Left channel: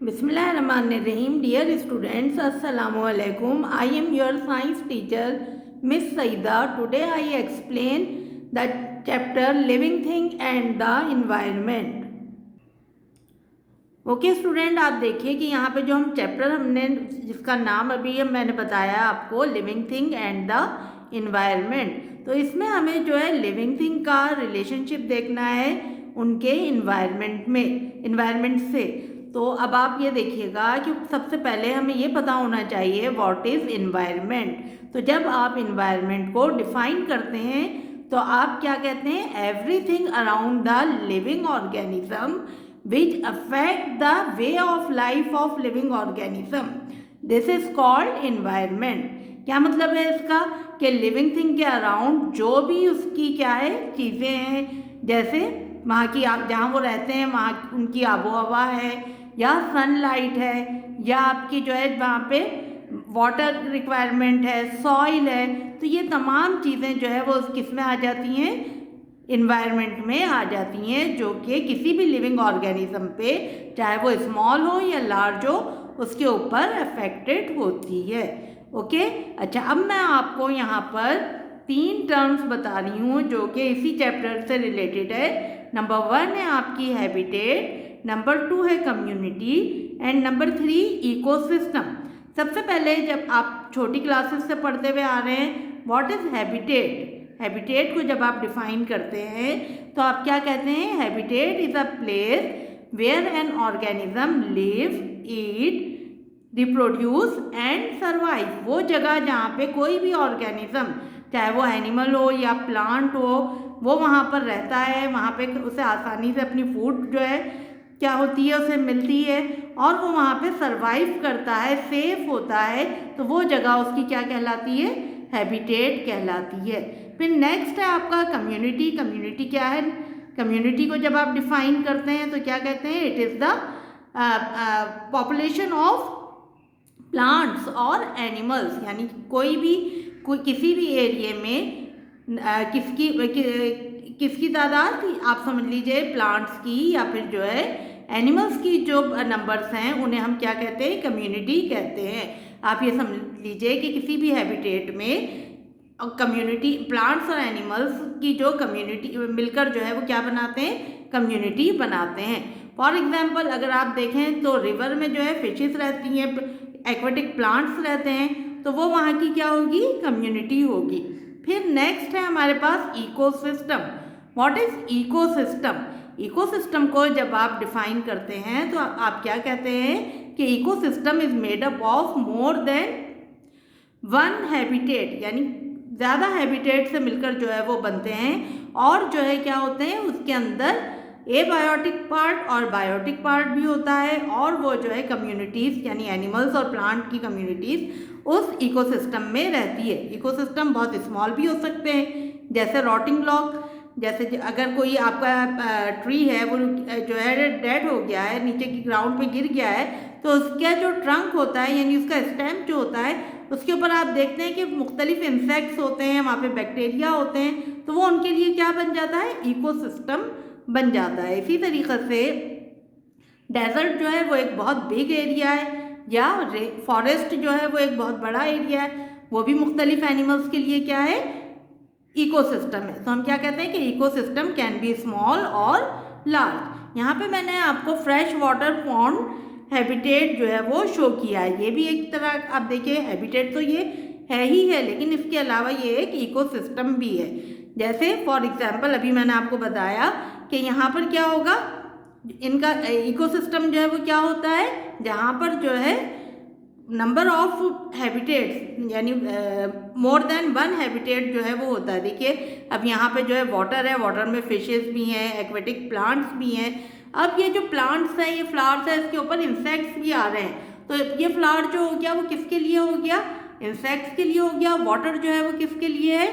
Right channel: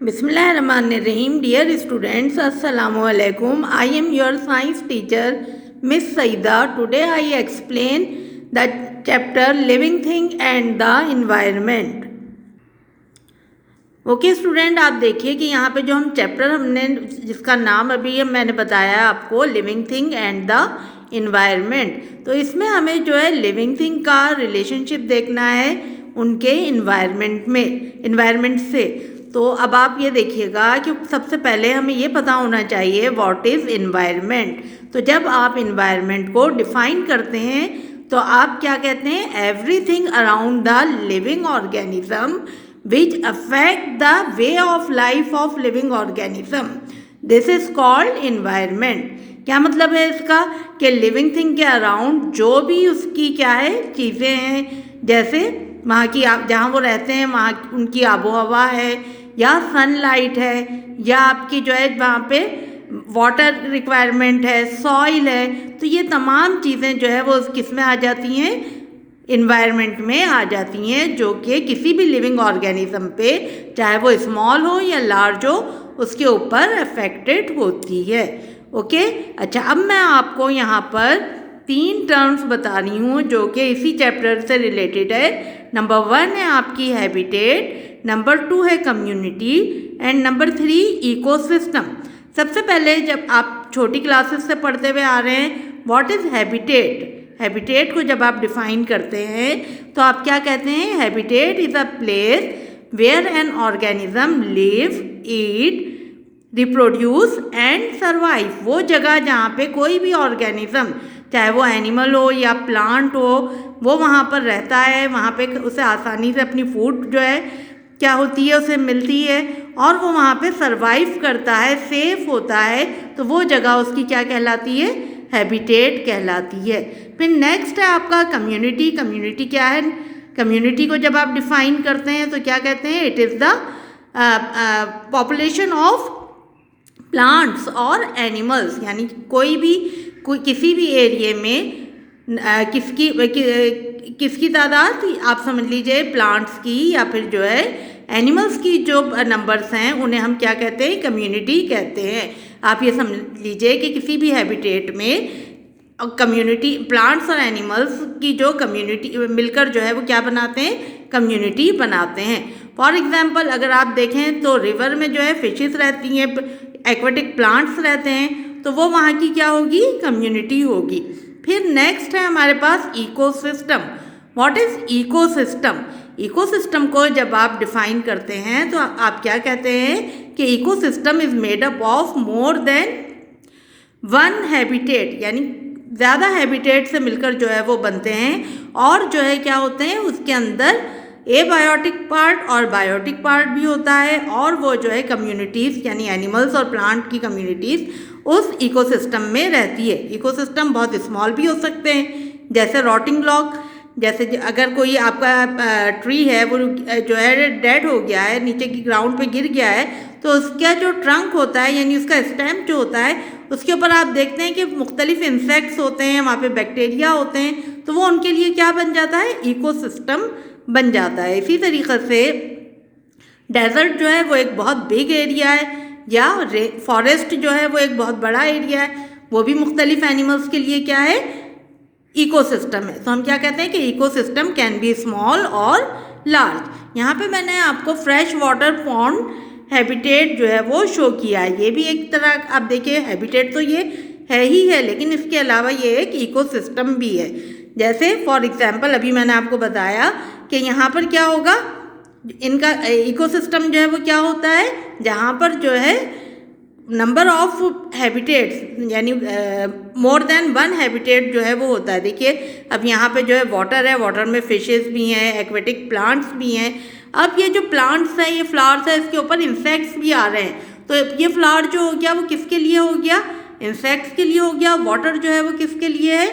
Bismillahirrahmanirrahim. Dear students, Assalamu alaikum. I am your science teacher, Miss Saida. Today I explain the chapter Living Thing and the Environment. Okay student, आप देखिए कि यहाँ पे जो हम chapter हमने जिसका नाम अभी मैंने बताया आपको, living thing and the environment, तो इसमें हमें जो है लिविंग थिंग का रिलेशनशिप देखना है उनके इन्वायरमेंट से। तो अब आप ये देखिएगा कि सबसे पहले हमें ये पता होना चाहिए व्हाट इज़ इन्वायरमेंट। तो जब आप इन्वायरमेंट को डिफाइन करते हैं तो आप क्या कहते हैं, everything around the living organism which affect the way of life of living organism. This is called environment. क्या मतलब है इसका कि लिविंग थिंग के अराउंड जो भी उसकी क्या है चीज़ें हैं, जैसे वहाँ की जहाँ वो रहते हैं वहाँ उनकी आबो हवा है, या सनलाइट है, या आपकी जो है वहाँ पे वाटर रिक्वायरमेंट है, सॉइल है, तो ये तमाम चीज़ें जो है वो किस में आ जाती हैं, इन्वायरमेंट में आ जाती हैं, जो कि किसी भी लिविंग ऑर्गेनिज्म पे चाहे वो स्मॉल हो या लार्ज हो उसके ऊपर अफेक्टेड होती है। ओके, अच्छा, अब मैं आपको यहाँ पर 3 टर्म्स बता रही हूँ जो कि इसी चैप्टर से रिलेटेड है। नंबर 1 है आपकी हैबिटेट, नंबर 2 है कम्युनिटी एंड नंबर 3 इकोसिस्टम। सबसे पहले जब आप छोटी क्लासेस से पढ़ते हुए आ रहे हैं, व्हाट इज़ हैबिटेट। हैबिटेट को जब आप डिफाइन करते हैं तो आप क्या कहते हैं, habitat is a place where an organism live, eat, reproduce and survive. वो जगह जहाँ पे कोई भी ऑर्गेनिज्म, चाहे वो एनिमल हो या प्लांट हो, वो वहाँ पर रहता है, वहाँ पे उसे आसानी से अपनी फूड जो है क्या होती है उसे मिलती है, और वो वहाँ पे सर्वाइव करता है, सेफ होता है, तो वो जगह उसकी क्या कहलाती है, हैबिटेट कहलाती है। फिर नेक्स्ट है आपका कम्युनिटी। कम्युनिटी क्या है, कम्युनिटी को जब आप डिफाइन करते हैं तो क्या कहते हैं, it is the population of plants और एनिमल्स, यानी कोई किसी भी एरिए में किसकी तादाद, आप समझ लीजिए प्लांट्स की या फिर जो है एनिमल्स की जो नंबर्स हैं उन्हें हम क्या कहते हैं, कम्युनिटी कहते हैं। आप ये समझ लीजिए कि किसी भी हैबिटेट में कम्युनिटी, प्लांट्स और एनिमल्स की जो कम्युनिटी मिलकर जो है वो क्या बनाते हैं, कम्युनिटी बनाते हैं। फॉर एग्जांपल अगर आप देखें तो रिवर में जो है फिशेस रहती हैं, एक्वेटिक प्लांट्स रहते हैं, तो वो वहाँ की क्या होगी, कम्युनिटी होगी। फिर नेक्स्ट है हमारे पास ecosystem. What is ecosystem. Ecosystem को जब आप डिफाइन करते हैं तो आप क्या कहते हैं कि ecosystem is made up of more then 1 habitat, यानी ज़्यादा हैबिटेट से मिलकर जो है वो बनते हैं, और जो है क्या होते हैं उसके अंदर एबायोटिक पार्ट और बायोटिक पार्ट भी होता है, और वो जो है कम्युनिटीज़ यानी एनिमल्स और प्लांट की कम्युनिटीज़ उस इकोसिस्टम में रहती है। इकोसिस्टम बहुत स्मॉल भी हो सकते हैं, जैसे रॉटिंग लॉग, जैसे अगर कोई आपका ट्री है वो जो है डेड हो गया है, नीचे की ग्राउंड पे गिर गया है, तो उसका जो ट्रंक होता है यानी उसका स्टेम जो होता है उसके ऊपर आप देखते हैं कि मुख्तलिफ इंसेक्ट्स होते हैं, वहाँ पे बैक्टीरिया होते हैं, तो वो उनके लिए क्या बन जाता है, इकोसिस्टम बन जाता है। इसी तरीक़े से डेजर्ट जो है वो एक बहुत बिग एरिया है, या फॉरेस्ट जो है वो एक बहुत बड़ा एरिया है, वो भी मुख्तलिफ एनिमल्स के लिए क्या है, इकोसिस्टम है। तो हम क्या कहते हैं कि इकोसिस्टम कैन बी स्मॉल और लार्ज। यहाँ पे मैंने आपको फ्रेश वाटर पॉन्ड हैबिटेट जो है वो शो किया है। ये भी एक तरह आप देखिए हैबिटेट तो ये है ही है, लेकिन इसके अलावा ये एक इकोसिस्टम भी है। जैसे फॉर एग्जांपल अभी मैंने आपको बताया कि यहाँ पर क्या होगा, इनका इकोसिस्टम जो है वो क्या होता है, जहाँ पर जो है नंबर ऑफ हैबिटेट्स यानी मोर देन 1 हैबिटेट जो है वो होता है। देखिए अब यहाँ पे जो है वाटर है, वाटर में फिशेस भी हैं, एक्वेटिक प्लांट्स भी हैं। अब ये जो प्लांट्स हैं, ये फ्लावर्स है, इसके ऊपर इंसेक्ट्स भी आ रहे हैं, तो ये फ्लावर जो हो गया वो किसके लिए हो गया, इंसेक्ट्स के लिए हो गया। वाटर जो है वो किसके लिए है,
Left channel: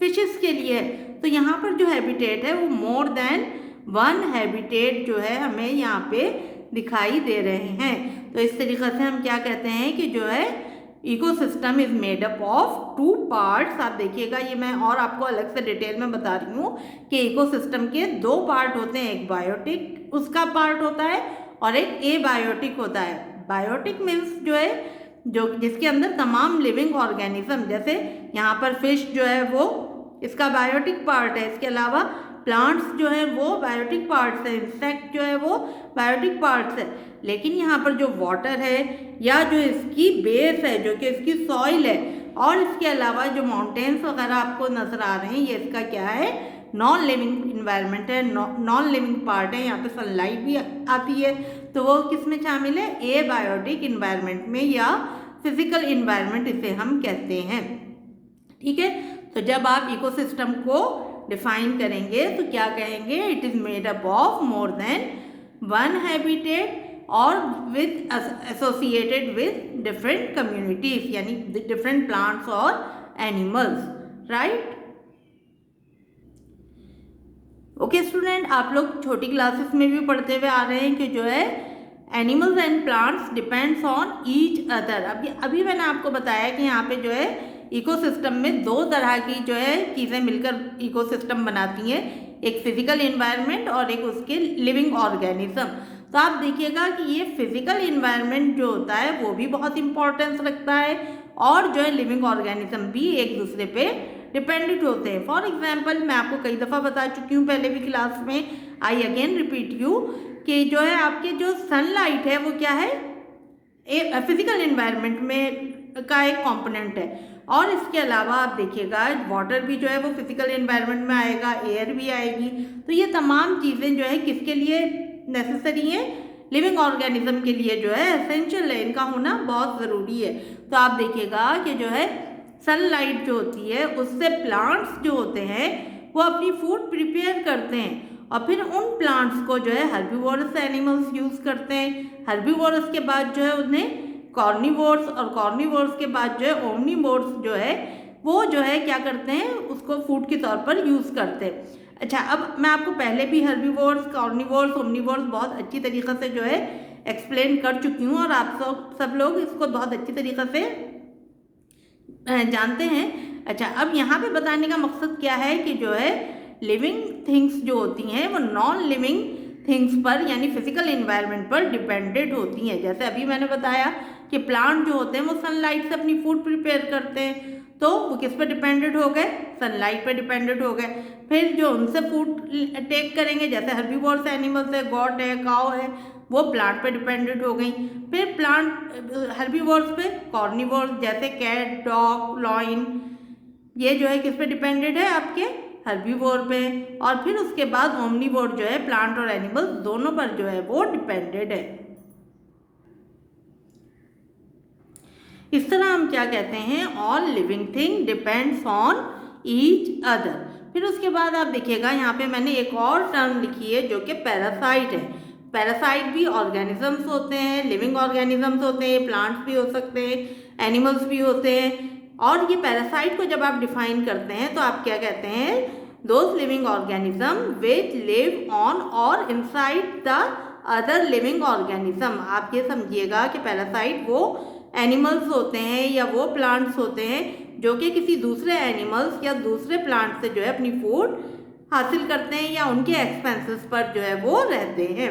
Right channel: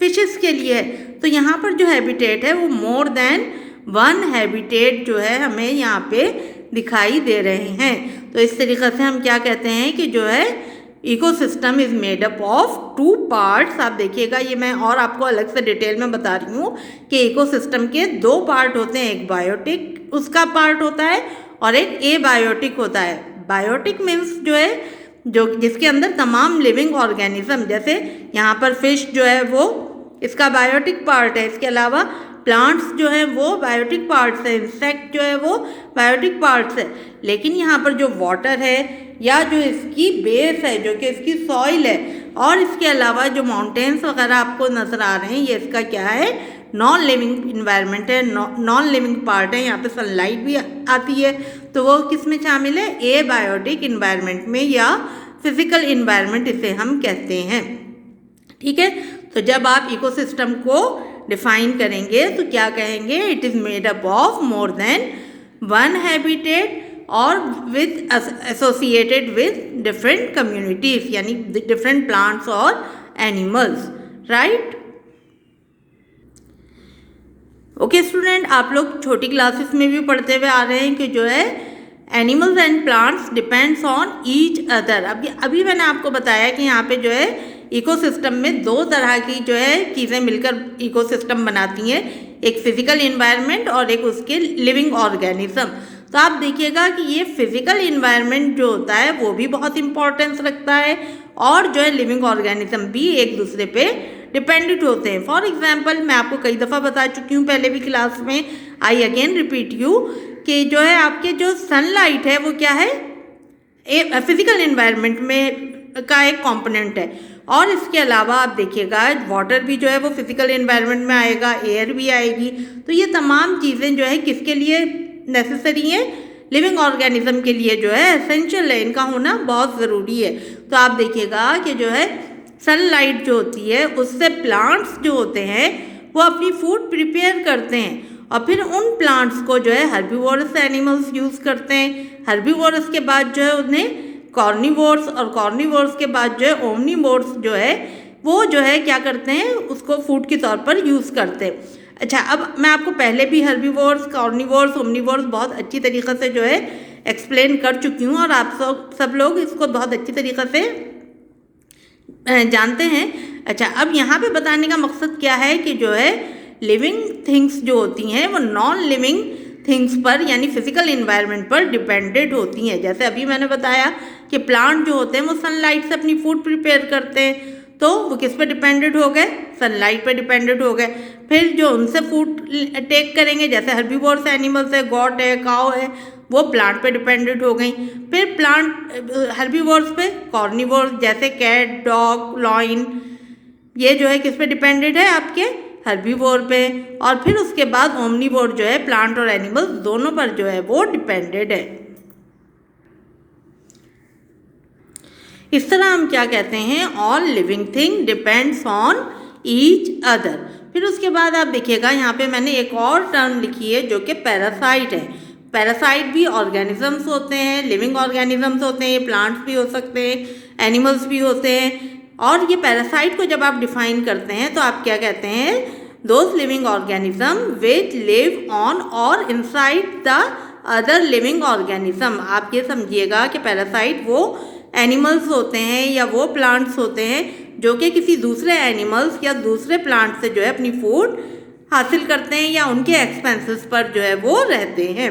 फिशेस के लिए है। तो यहाँ पर जो हैबिटेट है वो मोर देन 1 हैबिटेट जो है हमें यहाँ पे दिखाई दे रहे हैं। तो इस तरीक़े से हम क्या कहते हैं कि जो है ecosystem is made up of 2 parts. आप देखिएगा ये मैं और आपको अलग से डिटेल में बता रही हूँ कि इकोसिस्टम के 2 पार्ट होते हैं, एक बायोटिक उसका पार्ट होता है और एक एबायोटिक होता है। बायोटिक मीन्स जो है जो जिसके अंदर तमाम लिविंग ऑर्गेनिज्म, जैसे यहाँ पर फिश जो है वो इसका बायोटिक पार्ट है। इसके अलावा प्लांट्स जो है वो बायोटिक पार्ट्स है, इंसेक्ट जो है वो बायोटिक पार्ट्स है। लेकिन यहाँ पर जो वाटर है या जो इसकी बेस है, जो कि इसकी सॉइल है, और इसके अलावा जो माउंटेन्स वगैरह आपको नज़र आ रहे हैं, ये इसका क्या है, नॉन लिविंग इन्वायरमेंट है, नॉन लिविंग पार्ट है। यहाँ पे सनलाइट भी आती है, तो वो किस में शामिल है, एबायोटिक इन्वायरमेंट में, या फिजिकल इन्वायरमेंट इसे हम कहते हैं। ठीक है, तो जब आप इकोसिस्टम को डिफाइन करेंगे तो क्या कहेंगे, it is made up of more than one habitat और with associated with different communities, यानी डिफरेंट प्लांट्स और एनिमल्स, राइट। ओके स्टूडेंट, आप लोग छोटी क्लासेस में भी पढ़ते हुए आ रहे हैं कि जो है animals and plants depends on each other. अभी मैंने आपको बताया कि यहाँ पे जो है इकोसिस्टम में दो तरह की जो है चीज़ें मिलकर इकोसिस्टम बनाती हैं, एक फिजिकल इन्वायरमेंट और एक उसके लिविंग ऑर्गेनिज्म। तो आप देखिएगा कि ये फिजिकल इन्वायरमेंट जो होता है वो भी बहुत इंपॉर्टेंस रखता है, और जो है लिविंग ऑर्गेनिज्म भी एक दूसरे पे डिपेंडेंट होते हैं। फॉर एग्जांपल, मैं आपको कई दफ़ा बता चुकी हूँ पहले भी क्लास में, आई अगेन रिपीट यू, कि जो है आपके जो सनलाइट है वो क्या है, फिजिकल इन्वायरमेंट में का एक कंपोनेंट है। और इसके अलावा आप देखिएगा वाटर भी जो है वो फिजिकल इन्वायरमेंट में आएगा, एयर भी आएगी। तो ये तमाम चीज़ें जो है किसके लिए नेसेसरी हैं, लिविंग ऑर्गेनिज्म के लिए जो है एसेंशियल है, इनका होना बहुत ज़रूरी है। तो आप देखिएगा कि जो है सनलाइट जो होती है उससे प्लांट्स जो होते हैं वो अपनी फूड प्रिपेयर करते हैं, और फिर उन प्लांट्स को जो है हर्बीवोरस एनिमल्स यूज़ करते हैं। हर्बीवोरस के बाद जो है उन्हें कॉर्निवोर्स, और कॉर्निवोर्स के बाद जो है ओमनिवोर्स जो है वो जो है क्या करते हैं, उसको फूड के तौर पर यूज़ करते हैं। अच्छा, अब मैं आपको पहले भी हर्बीवोर्स, कॉर्निवोर्स, ओमनिवोर्स बहुत अच्छी तरीक़े से जो है एक्सप्लेन कर चुकी हूँ, और आप सब लोग इसको बहुत अच्छी तरीक़े से जानते हैं। अच्छा, अब यहाँ पे बताने का मकसद क्या है कि जो है लिविंग थिंग्स जो होती हैं वो नॉन लिविंग थिंग्स पर, यानी फिजिकल इन्वायरमेंट पर डिपेंडेंट होती हैं। जैसे अभी मैंने बताया कि प्लांट जो होते हैं वो सनलाइट से अपनी फूड प्रिपेयर करते हैं, तो वो किस पे डिपेंडेंट हो गए, सनलाइट पे डिपेंडेंट हो गए। फिर जो उनसे फूड टेक करेंगे, जैसे हर्बीवोरस एनिमल्स है, गॉट है, काऊ है, वो प्लांट पे डिपेंडेंट हो गई। फिर प्लांट हर्बीवोरस पे, कॉर्निवोरस जैसे कैट, डॉग, लॉइन, ये जो है किस पे डिपेंडेंट है, आपके हर्बीवोर पे। और फिर उसके बाद ओमनीवोर जो है प्लांट और एनिमल्स दोनों पर जो है वो डिपेंडेंट है। इस तरह हम क्या कहते हैं, all living thing depends on each other. फिर उसके बाद आप देखिएगा यहाँ पे मैंने एक और टर्म लिखी है जो कि पैरासाइट है। पैरासाइट भी ऑर्गेनिजम्स होते हैं, लिविंग ऑर्गेनिजम्स होते हैं, प्लांट्स भी हो सकते हैं, एनिमल्स भी होते हैं। और ये पैरासाइट को जब आप डिफाइन करते हैं तो आप क्या कहते हैं, those living organism which live on और inside the other living organism. आप ये समझिएगा कि पैरासाइट वो एनिमल्स होते हैं या वो प्लांट्स होते हैं जो कि किसी दूसरे एनिमल्स या दूसरे प्लांट से जो है अपनी फूड हासिल करते हैं या उनके एक्सपेंसेस पर जो है वो रहते हैं।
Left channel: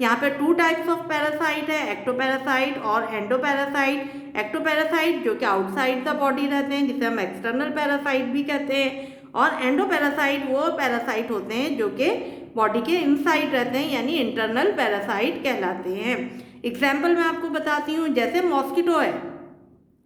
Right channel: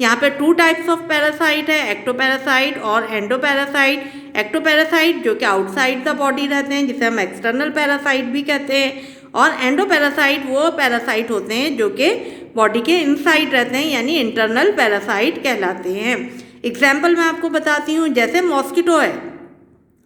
यहाँ पे 2 टाइप्स ऑफ पैरासाइट है, एक्टोपैरासाइट और एंडोपैरासाइट। एक्टोपैरासाइट जो कि आउटसाइड द बॉडी रहते हैं, जिसे हम एक्सटर्नल पैरासाइट भी कहते हैं, और एंडोपैरासाइट वो पैरासाइट होते हैं जो कि बॉडी के इनसाइड रहते हैं, यानी इंटरनल पैरासाइट कहलाते हैं। एग्जाम्पल मैं आपको बताती हूँ, जैसे मॉस्किटो है।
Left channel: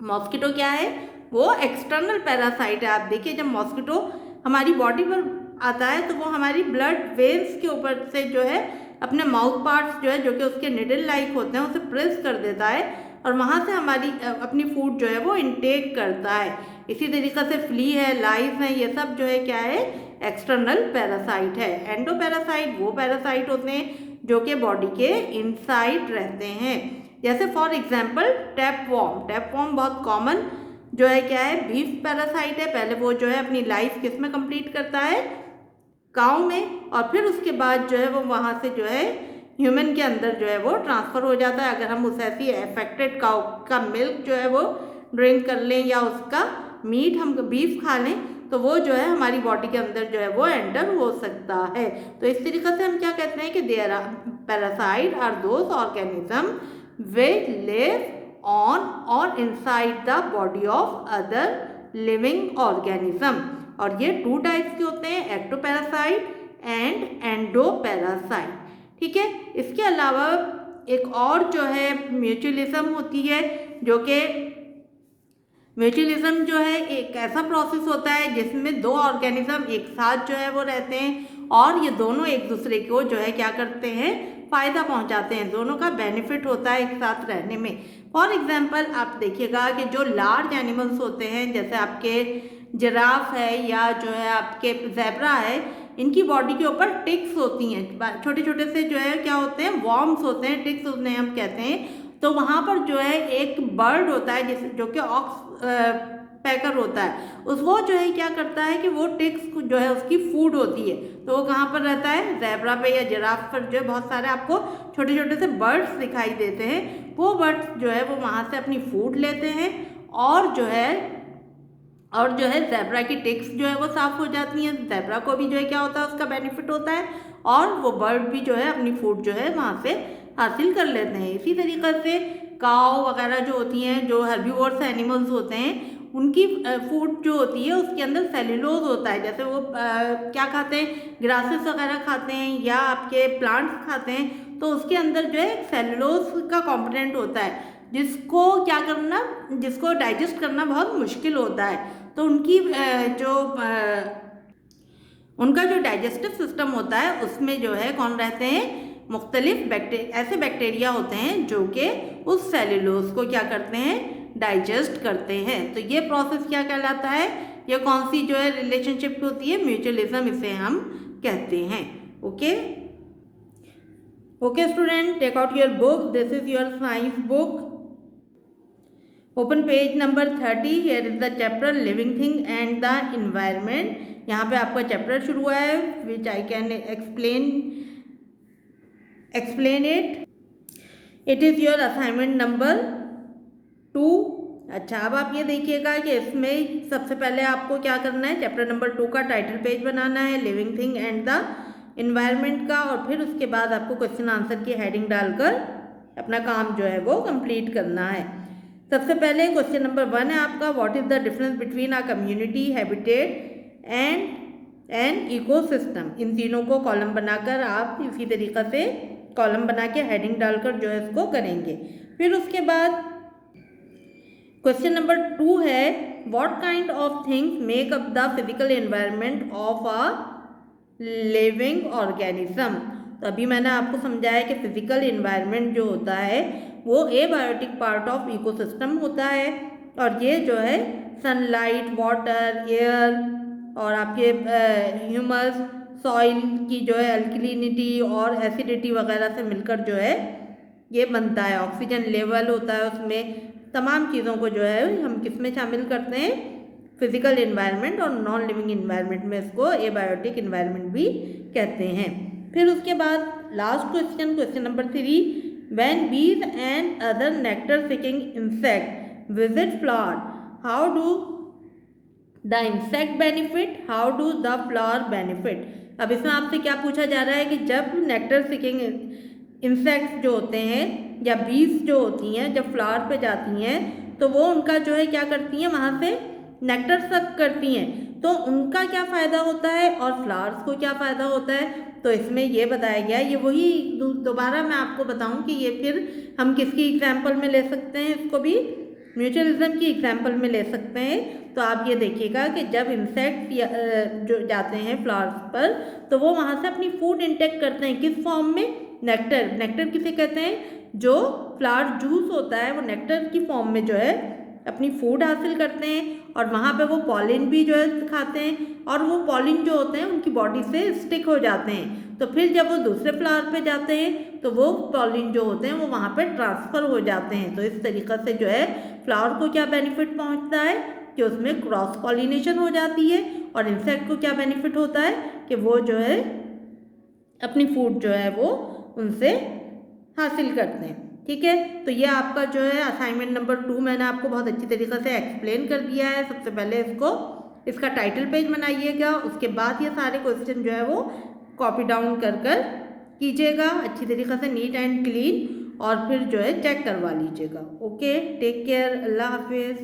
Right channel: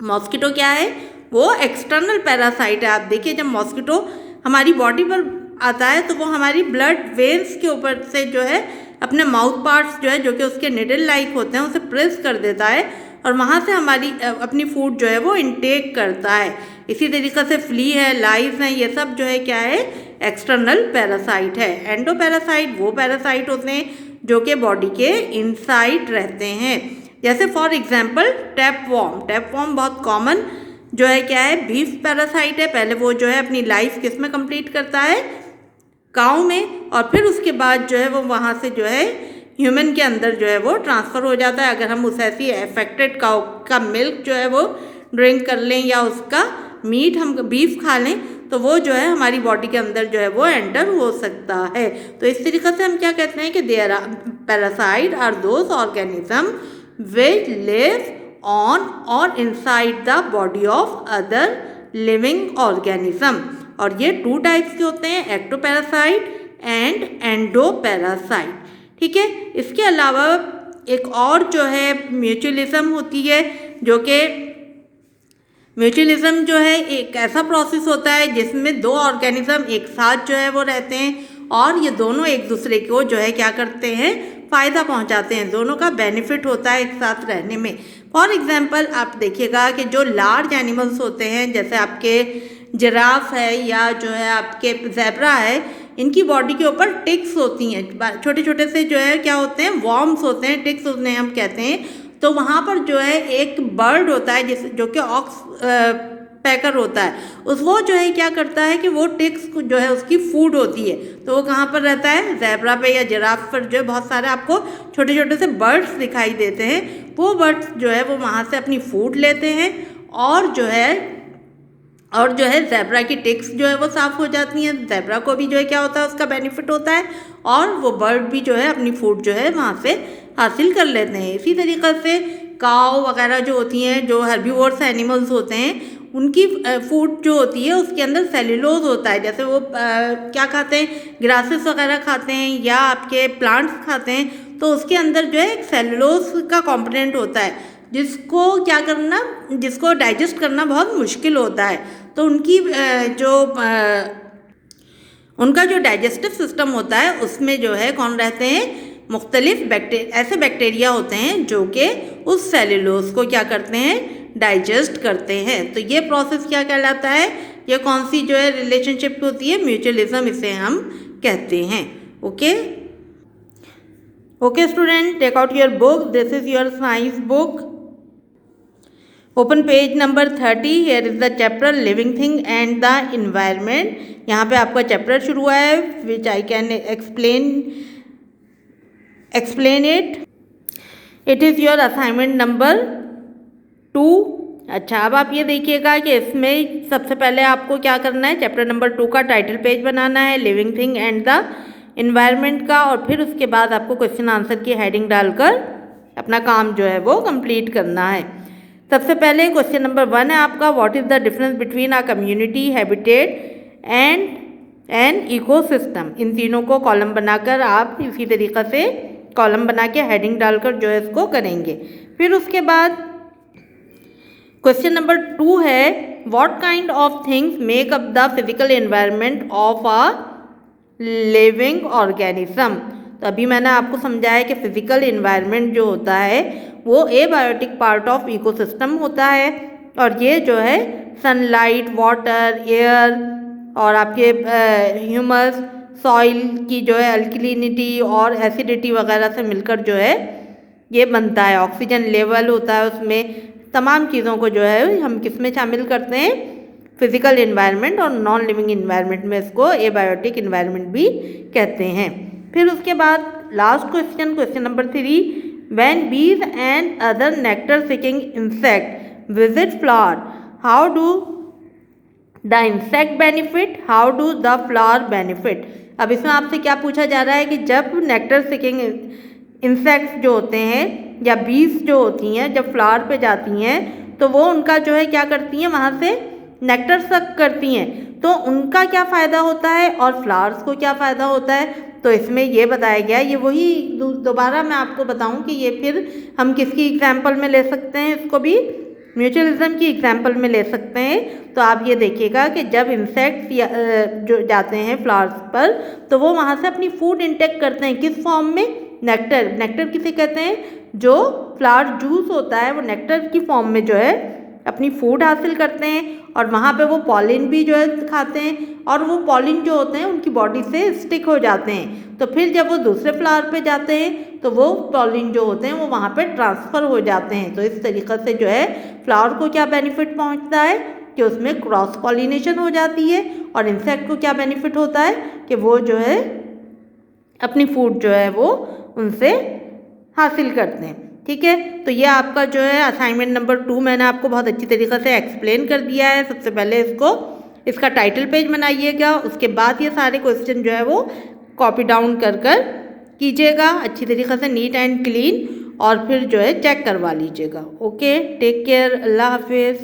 मॉस्किटो क्या है, वो एक्सटर्नल पैरासाइट है। आप देखिए जब मॉस्किटो हमारी बॉडी पर आता है तो वो हमारी ब्लड वेन्स के ऊपर से जो है अपने माउथ पार्ट्स जो है, जो कि उसके निडल लाइक होते हैं, उसे प्रेस कर देता है और वहाँ से हमारी अपनी फूड जो है वो इनटेक करता है। इसी तरीक़े से फ्ली है, लाइस हैं, ये सब जो है क्या है, एक्सटर्नल पैरासाइट है। एंडोपैरासाइट वो पैरासाइट होते हैं जो कि बॉडी के इनसाइड रहते हैं। जैसे फॉर एग्जांपल टैपवॉर्म। टैपवॉर्म बहुत कॉमन जो है क्या है, बीफ पैरासाइट है। पहले वो जो है अपनी लाइफ किस में कंप्लीट करता है, काऊ में, और फिर उसके बाद जो है वो वहाँ से जो है ह्यूमन के अंदर जो है वो ट्रांसफ़र हो जाता है। अगर हम उस ऐसी अफेक्टेड काऊ का मिल्क जो है वो ड्रिंक कर लें या उसका मीट हम बीफ खा लें तो वो जो है हमारी बॉडी के अंदर जो है वो एंटर हो सकता है। तो इस तरीक़े से हम क्या कहते हैं कि parasite are those organism which live on और inside the body of other living organism. और ये 2 टाइप्स के होते हैं, एक्टोपैरासाइट एंड एंडोपैरासाइट। ठीक है, इसके अलावा एक और जो है म्यूचुअलिज्म होती है, जो कि म्यूचुअलिज्म जो है एक ऐसा प्रोसेस होता है जिसमें 2 ऑर्गेनिज्म एक साथ जो है वो रहते हैं और ये दोनों एक दूसरे को जो है क्या करते हैं, फ़ायदा पहुंचाते हैं, दोनों का बेनिफिट होता है एक साथ रहने में। फॉर एग्जांपल आप देखिएगा कि जो लार्ज एनिमल्स होते हैं जैसे आपके जिराफ है या जो है आपके ज़ेब्रा है, इनकी बॉडी के ऊपर टिक्स होती हैं, छोटे छोटे से जो है क्या होते हैं, वॉर्म्स होते हैं, टिक्स उन्हें हम कहते हैं। तो वहाँ पर जो है एक बर्ड होता है जो कि ऑक्स पैकर होता है, वो जो है क्या करता है कि वो टिक्स जो है उसकी फूड होती है। तो वो कहाँ पर रहता है, ज़ेब्रा पे या जिराफ पर जो है बहुत सारे आपको छोटे छोटे से बर्ड्स दिखाई देते हैं। वो बर्ड्स जो है वो वहाँ से अपनी फूड लेते हैं और जो है ज़ेब्रा की टिक्स जो है वो साफ़ हो जाती हैं। ज़ेब्रा को भी जो है क्या होता है, उसका बेनिफिट होता है और वो बर्ड भी जो है अपनी फूड जो है वहाँ से हासिल कर लेते हैं। इसी तरीक़े से काऊ वगैरह जो होती हैं, जो हर्बीवोरस एनिमल्स होते हैं, उनकी फूड जो होती है उसके अंदर सेल्यूलोज होता है। जैसे वो क्या खाते हैं, ग्रासेस वगैरह खाते हैं या आपके प्लांट्स खाते हैं, तो उसके अंदर जो है एक सेल्यूलोज का कॉम्पोनेंट होता है जिसको डाइजेस्ट करना बहुत मुश्किल होता है। तो उनका जो डाइजेस्टिव सिस्टम होता है उसमें जो है कौन रहते हैं, मुख्तलिफ ऐसे बैक्टीरिया होते हैं जो कि उस सेल्यूलोज को क्या करते हैं, डाइजेस्ट करते हैं। तो ये प्रोसेस क्या कहलाता है, ये कौन सी जो है रिलेशनशिप होती है, म्यूचुअलिज्म इसे हम कहते हैं। Okay student, take out your book, this is your science book, open page number 30। Here is the chapter living thing and the environment. यहाँ पे आपका चैप्टर शुरू हुआ है, which I can explain it. It is your assignment number 2। अच्छा, अब आप ये देखिएगा कि इसमें सबसे पहले आपको क्या करना है, चैप्टर नंबर 2 का टाइटल पेज बनाना है, living thing and the environment का, और फिर उसके बाद आपको क्वेश्चन आंसर की हेडिंग डालकर अपना काम जो है वो कंप्लीट करना है। सबसे पहले क्वेश्चन नंबर 1 है आपका, what is the difference between a community, habitat and an ecosystem. इन तीनों को कॉलम बनाकर आप इसी तरीक़े से कॉलम बना के हेडिंग डालकर जो है इसको करेंगे। फिर उसके बाद क्वेश्चन नंबर 2 है, what kind of things make up the physical environment of a living organism. तो अभी मैंने आपको समझाया कि फिजिकल एनवायरनमेंट जो होता है वो एबायोटिक पार्ट ऑफ इकोसिस्टम होता है, और ये जो है सनलाइट, वाटर, एयर और आपके ह्यूमस, सॉइल की जो है अल्कलिनिटी और एसिडिटी वगैरह से मिलकर जो है ये बनता है। ऑक्सीजन लेवल होता है उसमें, तमाम चीज़ों को जो है हम किस में शामिल करते हैं, फिजिकल एनवायरनमेंट, और नॉन लिविंग एनवायरनमेंट में इसको एबायोटिक एनवायरनमेंट भी कहते हैं। फिर उसके बाद last question number 3, when bees and other nectar seeking insect visit flower, how do the insect benefit, how do the flower benefit। अब इसमें आपसे क्या पूछा जा रहा है कि जब नेक्टर सीकिंग इंसेक्ट्स जो होते हैं या बीज जो होती हैं जब फ्लावर पे जाती हैं तो वो उनका जो है क्या करती हैं, वहाँ से नेक्टर सक करती हैं, तो उनका क्या फ़ायदा होता है और फ्लावर्स को क्या फ़ायदा होता है। तो इसमें ये बताया गया, ये वही दोबारा मैं आपको बताऊं कि ये फिर हम किसकी एग्जाम्पल में ले सकते हैं, इसको भी म्यूचुअलिज्म की एग्जाम्पल में ले सकते हैं। तो आप ये देखिएगा कि जब इंसेक्ट्स जो जाते हैं फ्लावर्स पर तो वो वहाँ से अपनी फूड इंटेक करते हैं, किस फॉर्म में, नेक्टर। नेक्टर किसे कहते हैं, जो फ्लावर जूस होता है वो नेक्टर की फॉर्म में जो है अपनी फूड हासिल करते हैं, और वहाँ पे वो पॉलिन भी जो है खाते हैं, और वो पॉलिन जो होते हैं उनकी बॉडी से स्टिक हो जाते हैं। तो फिर जब वो दूसरे फ्लावर पे जाते हैं तो वो पॉलिन जो होते हैं वो वहाँ पे ट्रांसफ़र हो जाते हैं। तो इस तरीक़े से जो है फ्लावर को क्या बेनिफिट पहुँचता है कि उसमें क्रॉस पॉलिनेशन हो जाती है, और इंसेक्ट को क्या बेनिफिट होता है कि वो जो है अपनी फूड जो है वो उनसे हासिल करते हैं। ठीक है, तो ये आपका जो है असाइनमेंट नंबर 2 मैंने आपको बहुत अच्छी तरीक़े से एक्सप्लेन कर दिया है। सबसे पहले इसका टाइटल पेज बनाइएगा, उसके बाद ये सारे क्वेश्चन जो है वो कॉपी डाउन कर कीजिएगा अच्छी तरीक़े से, नीट एंड क्लीन, और फिर जो है चेक करवा लीजिएगा। ओके, टेक केयर, अल्लाह हाफिज़।